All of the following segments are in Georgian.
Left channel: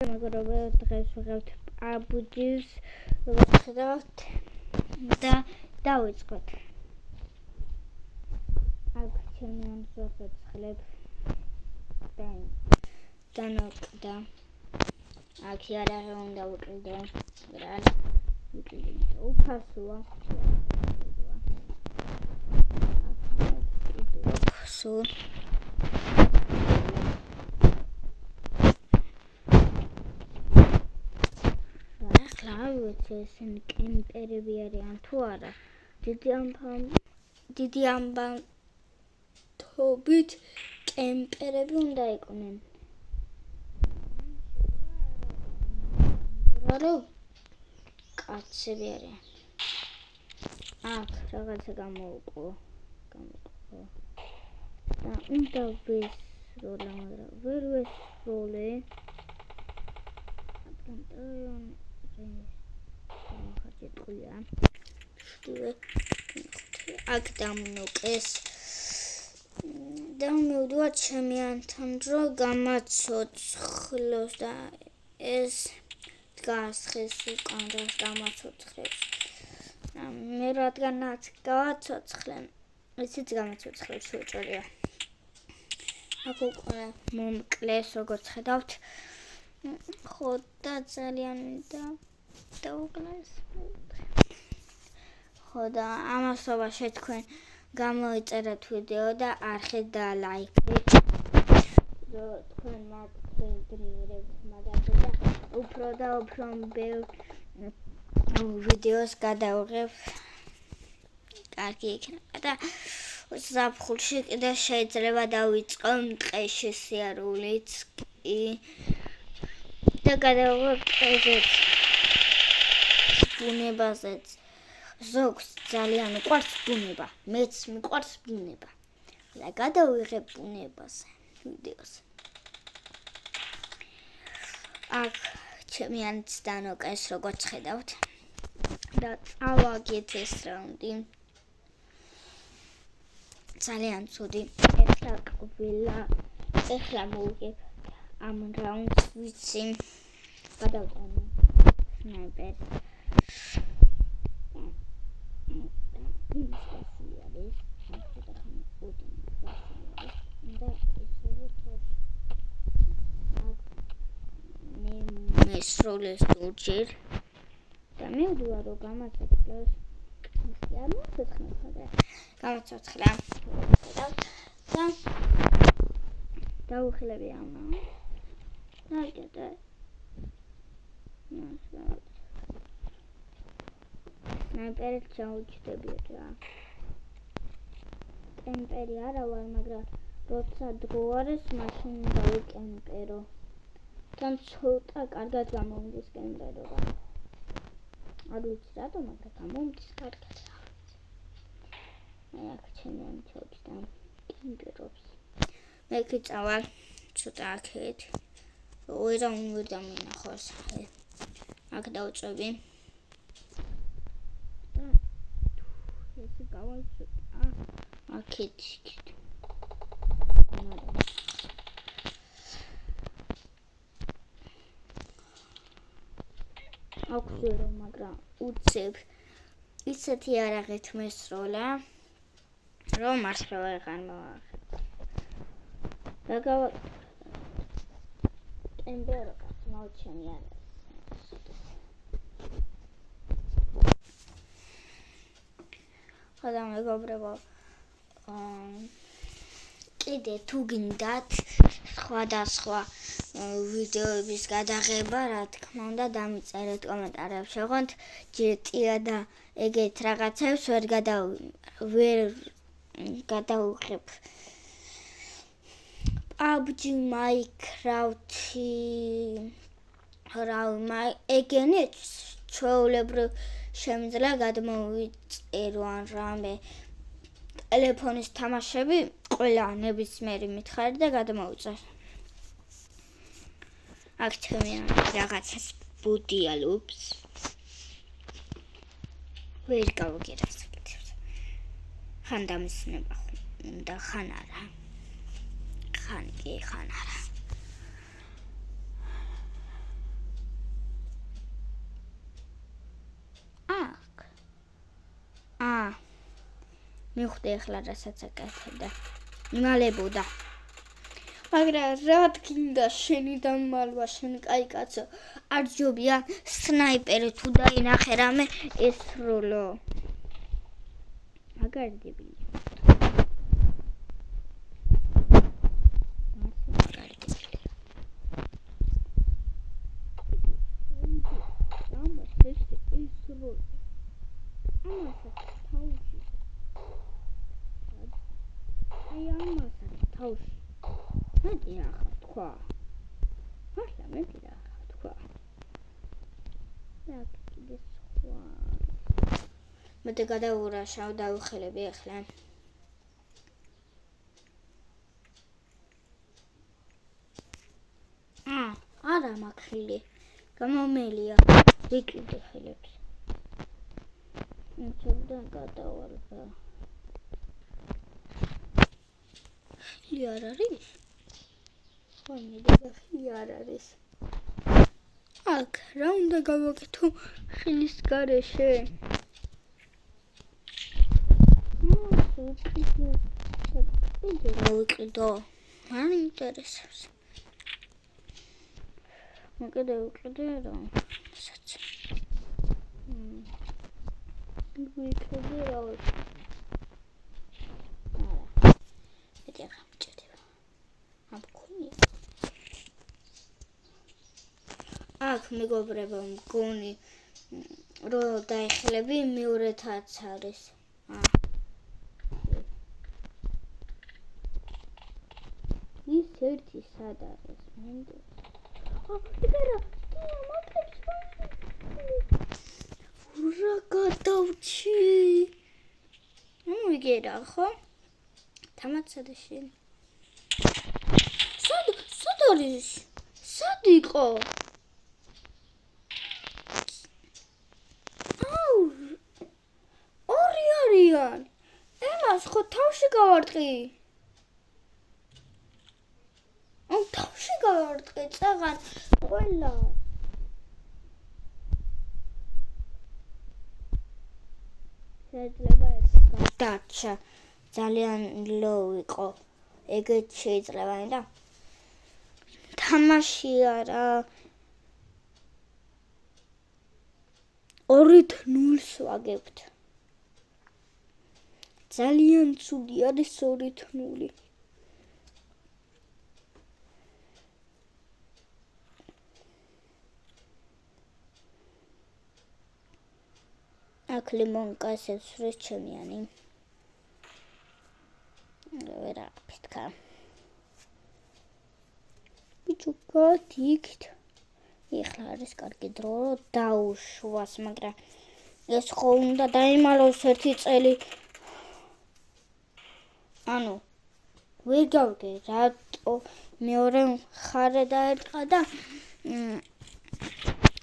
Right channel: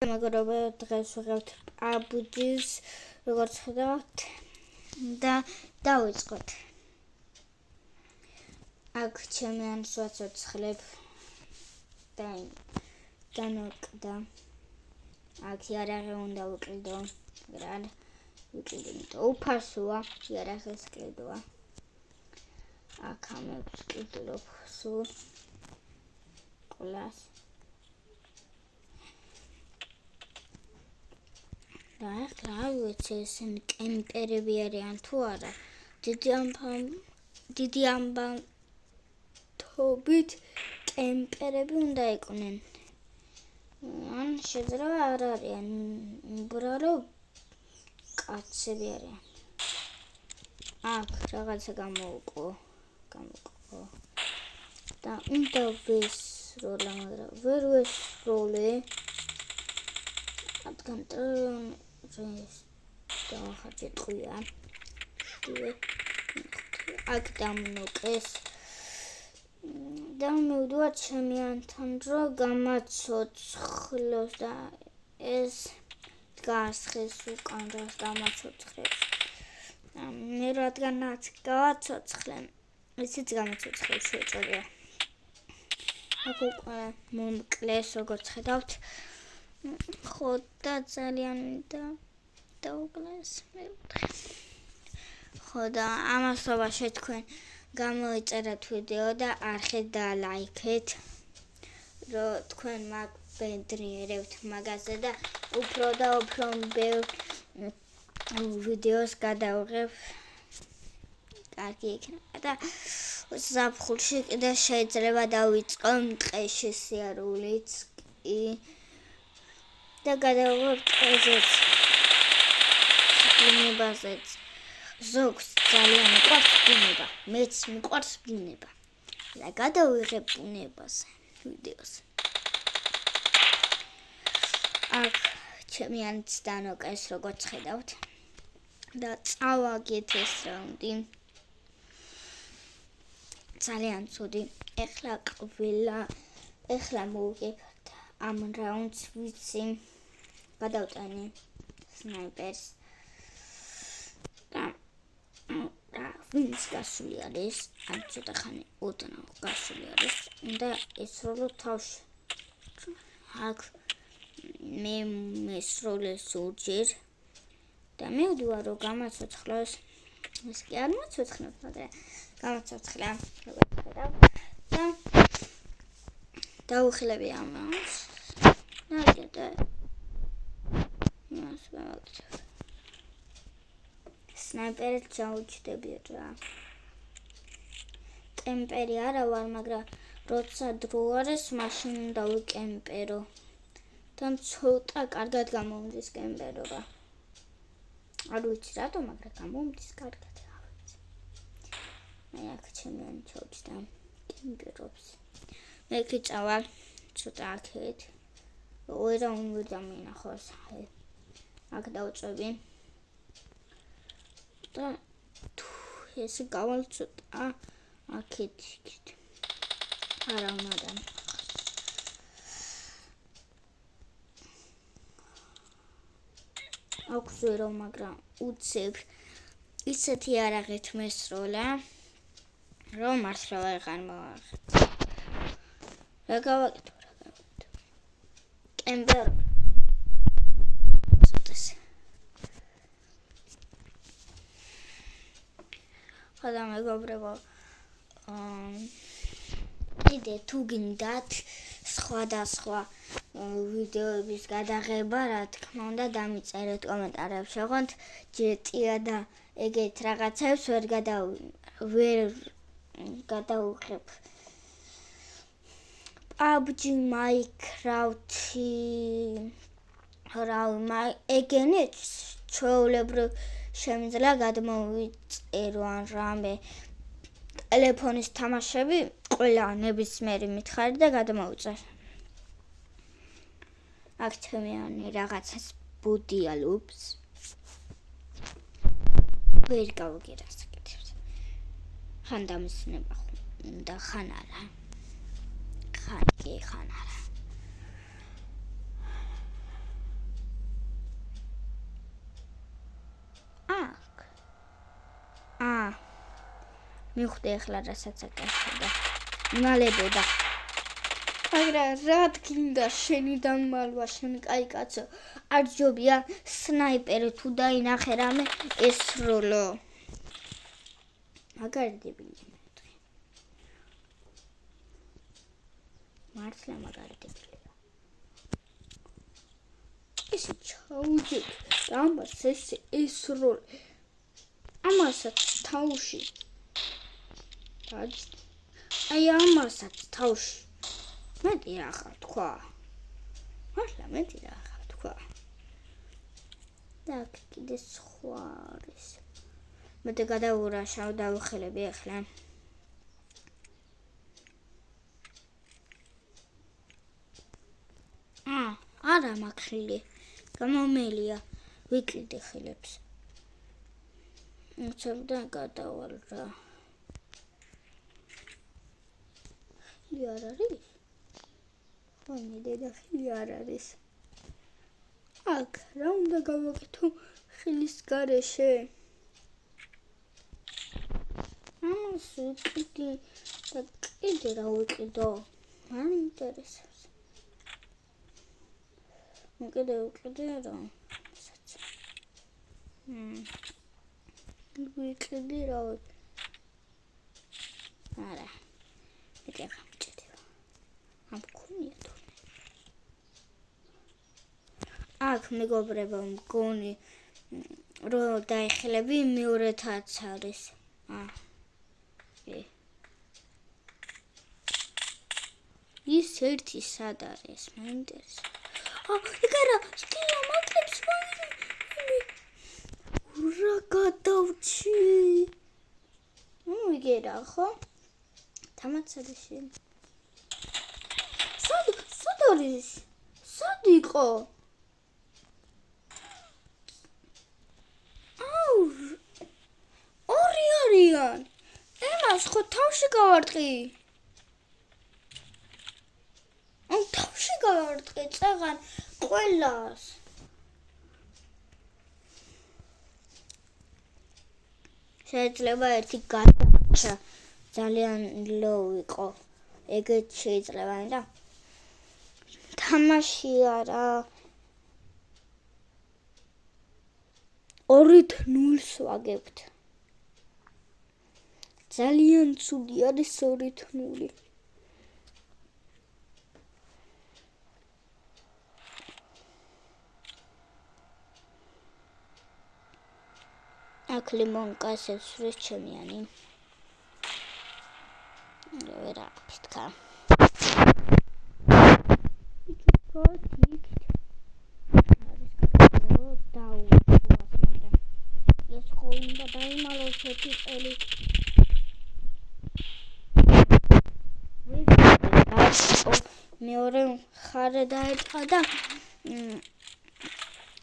მაგრამ დღეს ვიღებთ PUBG-ს, როგორც ხედავთ და დავიწყოთ. აქ ჩემი ანს ვაცოცხლებ და ნოკდა. აქ იარაღი უნდა ვუკლიდო, მაგრამ ვუკლიდო უფასოა, იარაღის კლიდოა. აქ ამებს კლიდობ სულ. ესენი კემპერები არიან თუ არა. დიდი ამბავით კემპერები უნდა იყვნენ. ან შეიძლება არ არიან. უბრალო კაცები არიან. აქ რაღაცა გამოვყო. და უნდა ვესროლა, მაგრამ ვერ ვესროლე. რადგან დავახარჯე ტყვია. აქ დამნოკეს. და მივდივარ ჩემი ანთან, რომ გამაცოცხლოს და ეს დგასხეს უკან და გამაცოცხლებს. მე რადგანაც გავაცოცხლე, ისიც გამაცოცხლებს შეჭრია. აქ უკვე მომკლეს, როგორც ხედავთ. ხო და ძალიან დაუკლეს მევთხე. ხო და ამასობაში თქვენ გამოიწერეთ ვიდეო და არხეთ და ლაიქეთ, რომ თქვენ მაგბედნიერებთ მაგაზე და უფრო და უფრო ბევრ ვიდეოს გადავიღებ. კარგი იქნება და ზაფხულში კიდე შეიძლება დავიწყო მტყეში სიარულიც კი და გადავიღებ ტყეზეც, ბუნებაზეც. ზოგს ძალიან მიყვარს ბუნება, მეც მიყვარს ბუნება და გადავიღებ ბუნებაზე ვიდეოს. აქ ჩემი ანც დანოკეს, როგორც ხედავთ და წავაგეთ ეს რაუნდი. ძალიან ცუდი. ეხლა მოვიგებთ ამ რაუნდს, ვიცი გადავტანე სნაიპერს და ვინც გასული არის, ან ცოტა ხანი ოდნავ გასული არის, უნდა ესროლო თავში. აქ მე მესროლე სულჯერ და მივდივარ, რომ გამაცოცხლოს. ეს კი არ მოცოცხლებ, მაგრამ გამაცოცხლა და დავუხილები ამას. ნაკეთე. სნაიპერით ჩაუჩდები რა. კემპერი არა ვარ, მაგრამ როცა დრო არის, მაშინ უნდა ვიკემპერო. და ცოტა კარგად გამომდის კემპერობა. არ ვიცი რატომ, მაგრამ გამომდის კარგად. მე აქ ჩემი ანი ჩაუჩდა კემპერობს. მე კი წავალ ცოტა აქეთ. ოირა უნდა დამინახოს. აქ დავწვევი. და ეს გავალ ცოტა აქეთ. არა უნდა. აქვს ვერო, მაგრამ უცებ ისეთი არაღით მესროლა, რომ მართლა ვეღარ მოვაღებ. რა გავაკეთო? კემპერ მოვჩენია. ცოტას. ხოდა მეგობრებო, კიდე თუ გინდათ სხვადასხვა ვიდეოების გადაღება, რა თქმა უნდა, დამიწერეთ კომენტარებში. ოღონდ ჯეტია და ეგეთ რაღაცებს ვერ გადავიღებ. PUBG, Minecraft, ეგენიც ჩვეულებრივ შემიძლია გადმოვიწერო ან რამე ტელეფონის თამაშები, ყველა ნებისმიერი მითხარი და გადმოვიწერ. აქ ჩემი რაღაცას ბუდიალობს. ვერ გავიგე რა საკეთებს. ხან დამისნება და ხან არა. ხან არა. მიხვდი ახლა რასაც აკეთებდა. იმალებოდა. მაგრამ რა გინდა შენი დამალვა, შენ კაი კაცო. არ ჯობია სნაიპერი თუ დაინახე რამე ესროლო. მაგარი დებილი. მართლა მაგარი დებილი. ესე ჩაუჯე. ამას ესე ესროლ. ამასაც თავში. აი ამასაც თავში. მეტი ახლა თქვა. მართლა მეტი ახლა თქვა. და კიდე სხვა არის. მეტი გადაურაშავ დავხელები ახლა. არა მაქსილი. გამომელია. ვიკიდე ხელებს. უცებდა გადავალ რა. ხილი არ არის? ხილი არ არის. აქ რა უნდა გავაკეთო ხილის გარეშე? კიდე რა ვიყიდო? არ ინტერესებს. კიდე ვიყიდე რა. ვიყიდე რა. არა. ეკა გამჭირდება. ამქონია. აქ მეგობრებო მგონი რომ დაიხელები მეორეთაც არის. ის ერთი სად არის? მაინტერესებს. ეკარა, სტილა მაკლებს რა გადავჩი. ვიგერა ხო? თამაცადაში. სად არის? სად იყო? ორი არიან. ემას ხო თავში გავარტყი? თავში გავარტყი წაღან ყველას. შეიძლება ერთი გადარჩა. ძალიან ლოუ იყო. ეგეც შეიძლება და თამაში არა. 2-0 ვაგებთ. ძალიან ცუდი არის 2-0. აქ ლიმონკას ესვრეს ჩემიანი. რა ფიტკა. ბიჭო გათიქთ. ეხლა არის კარგი დრო დაუშვას, მაგრამ ეს ხო უნდა დაიმალოს ერთი წელი. ვერ გავდე რა მეორე მხარე დაერტყა და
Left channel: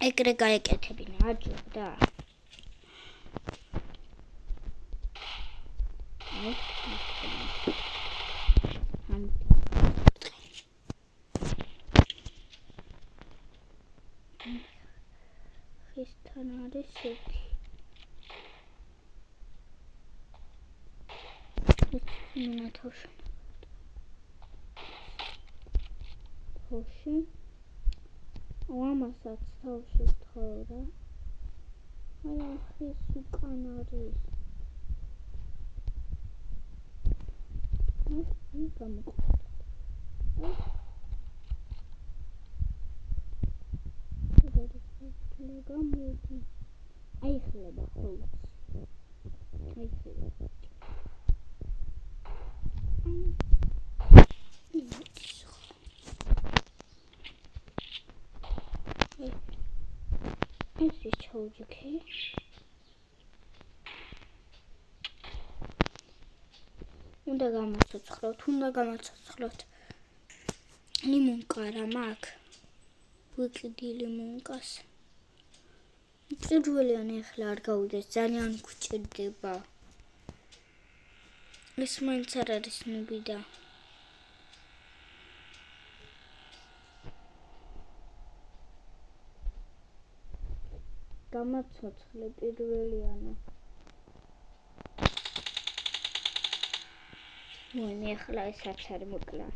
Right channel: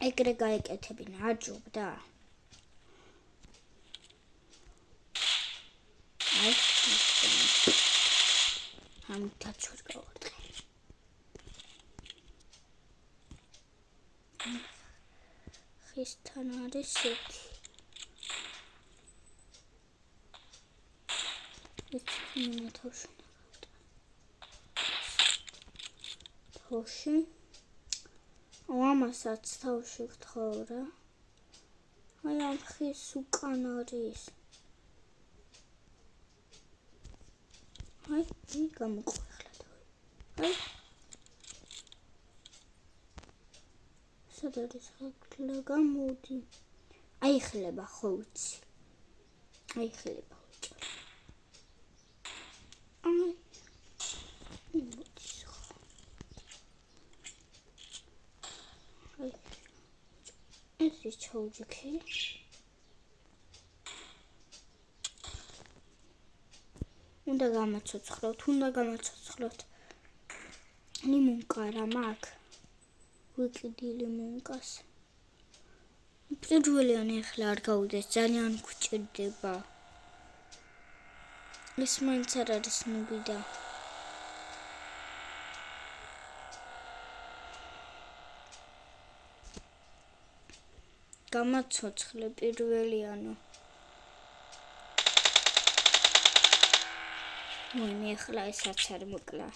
ეგრე გაეკეთებინა აჯობდა. ხისთან არის ერთი. მინა თავში. ამასაც თავში ვთხოვ რა. აი ამ ხის უკან არის. აი გამოყვეხლა თავი. სად არის ხლა გამოდი. აი ხლება ხო ვიცი. აი ხლება. ეს ჩაუჯიქი. უნდა გამაცოცხლოთ. ლიმონკა რა მაქვს. ვიკიდი ლიმონკას. პირველიანი ახლა არ გავუდეს, ძალიან გვჭირდება. ეს მაინც არ არის ნუბიდა. გამაცოცხლე პირველიანო. მე ახლა ესაც არ მოკლა.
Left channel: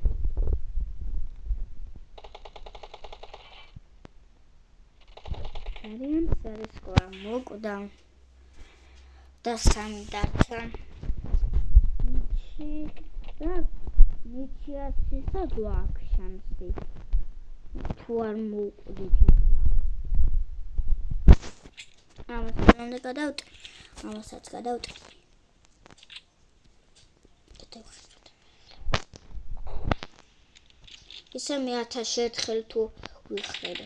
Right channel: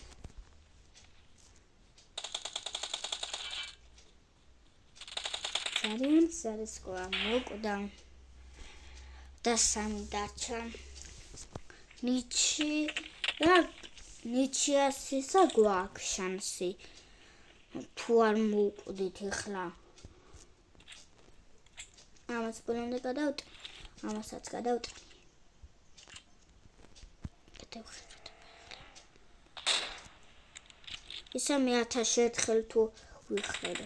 ძალიან ზარისკვა მოკვდა და 3 დარჩა. ნიჩიასისა გვაქვს შანსი. თუ არ მოვკვდით ახლა. ამას უნდა გადავტი. ამასაც გადავტი. ისე მე 1000 ერთხელ თუ ვიხრები.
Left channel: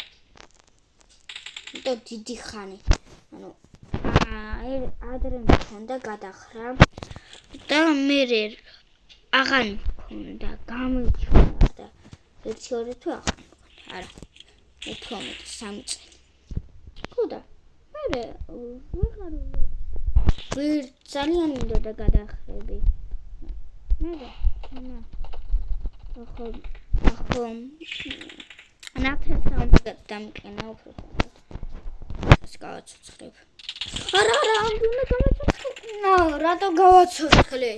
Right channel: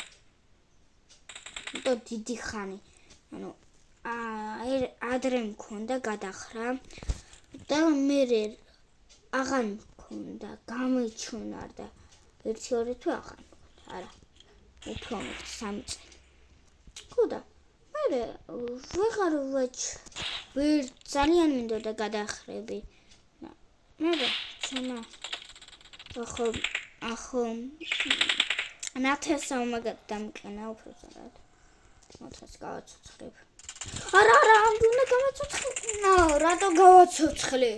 და დიდი ხანი. ანუ ადრე მქონდა გადახრა და მე აღარ მქონდა, გამიჩვენა და 1-2 თუ აღარ მქონდა. არა. უფრო მეტი 3 წელი. ხოდა მე ვეღარ ძალიან მინდოდა გადახრები. მე ჩამა ახო ნათესა უმაგად დამკენა უფრო ზოგად. ეს გავაცოცხლებ. არა, ამ უნდა გავაცოცხლე. რატო გავაცოცხლე?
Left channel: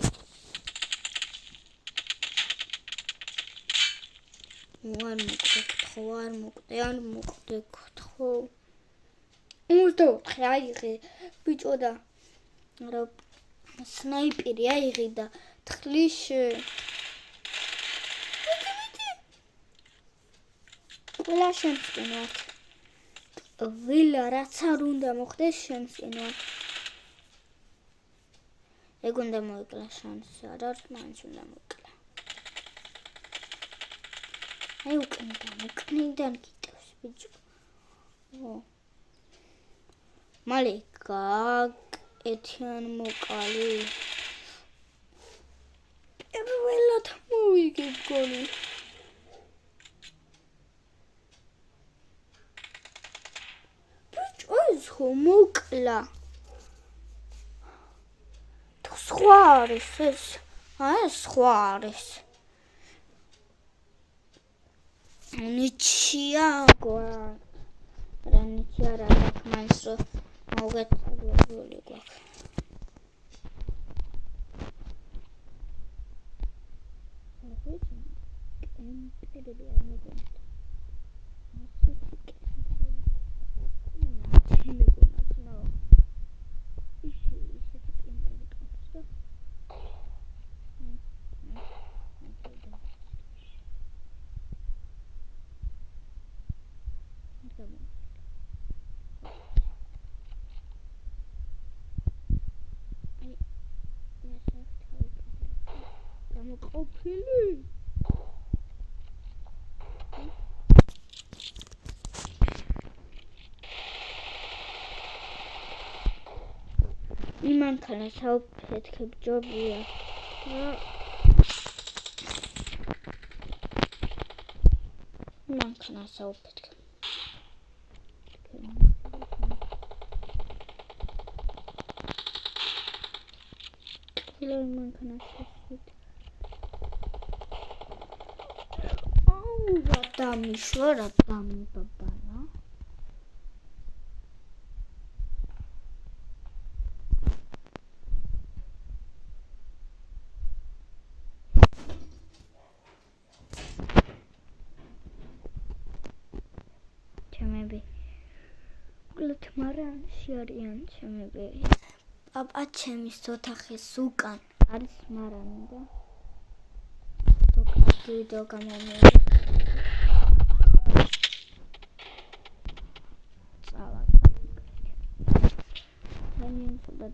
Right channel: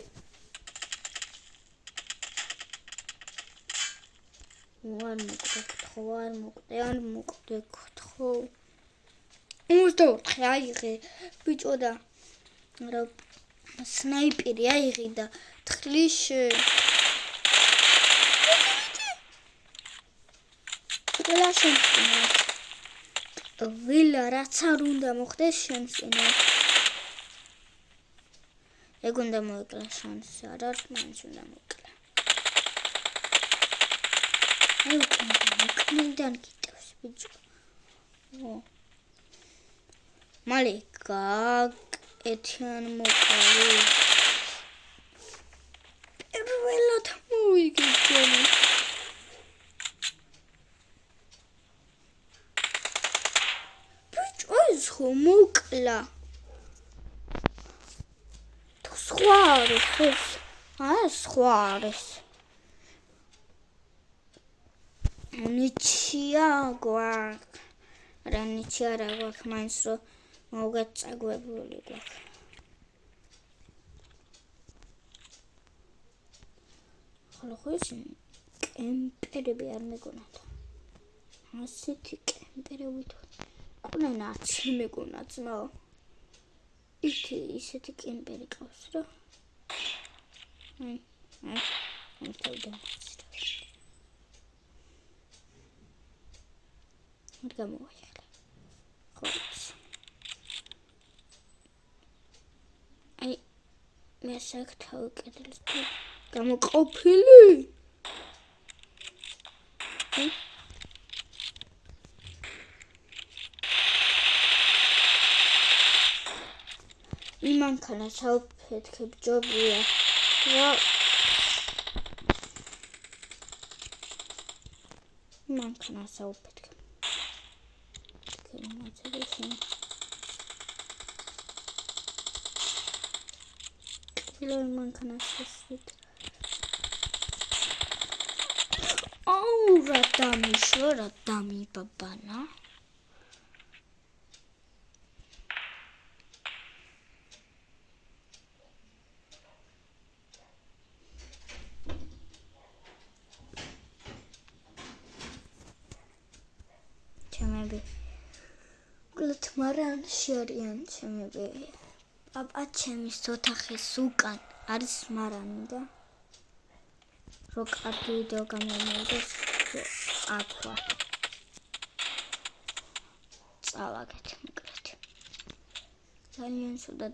არ მოკვდე, გთხოვ. 24 აიღე, ბიჭო და რა სნაიპერი აიღე და თხლიში. ყველა შემწინო. ვილა რაც არ უნდა მოხდეს შემწინო. ეგ უნდა მოვიკლა შანსი, არ არის მაინც უნდა მოვიკლა. აი უკნიდან გიტევს ბიჭო. მალე გაკეთიან მოკალი. პირველად მოვიგე გონი. ბიჭო ეს ხო მოკლა. თუ სხვა არის ეს. სხვა არის. ნიჩია გვაქვს. რა ნიჩია რა გვაქვს მაინც რომ მოგეწაგვებული გვაქვს. ხოლო ხო ის კემპერები არ მეგონათ. ასეთი კემპერებით ყვნენაც მეგონა ძმაო. ისეთი კემპერი ყავს რა. გამოვაიხლე. ხო. აი მე საკთავი კედლის თუ გამოყოფილი. იმანქანა საუფეთქებ ჯობია. რა იმანქანა საუფეთქებ. იმანქანა შესვით. რა დამიშვა, რა დამიბაბანა. ჩემები კლთ მარანში არიან ჩემები. პაპა ჩემის ოთახის უკან არის მარანი და რო კარგი ვიდეო გამომიერთოს აკვა წავაგეთ მოკრეთ ძალიან სუდა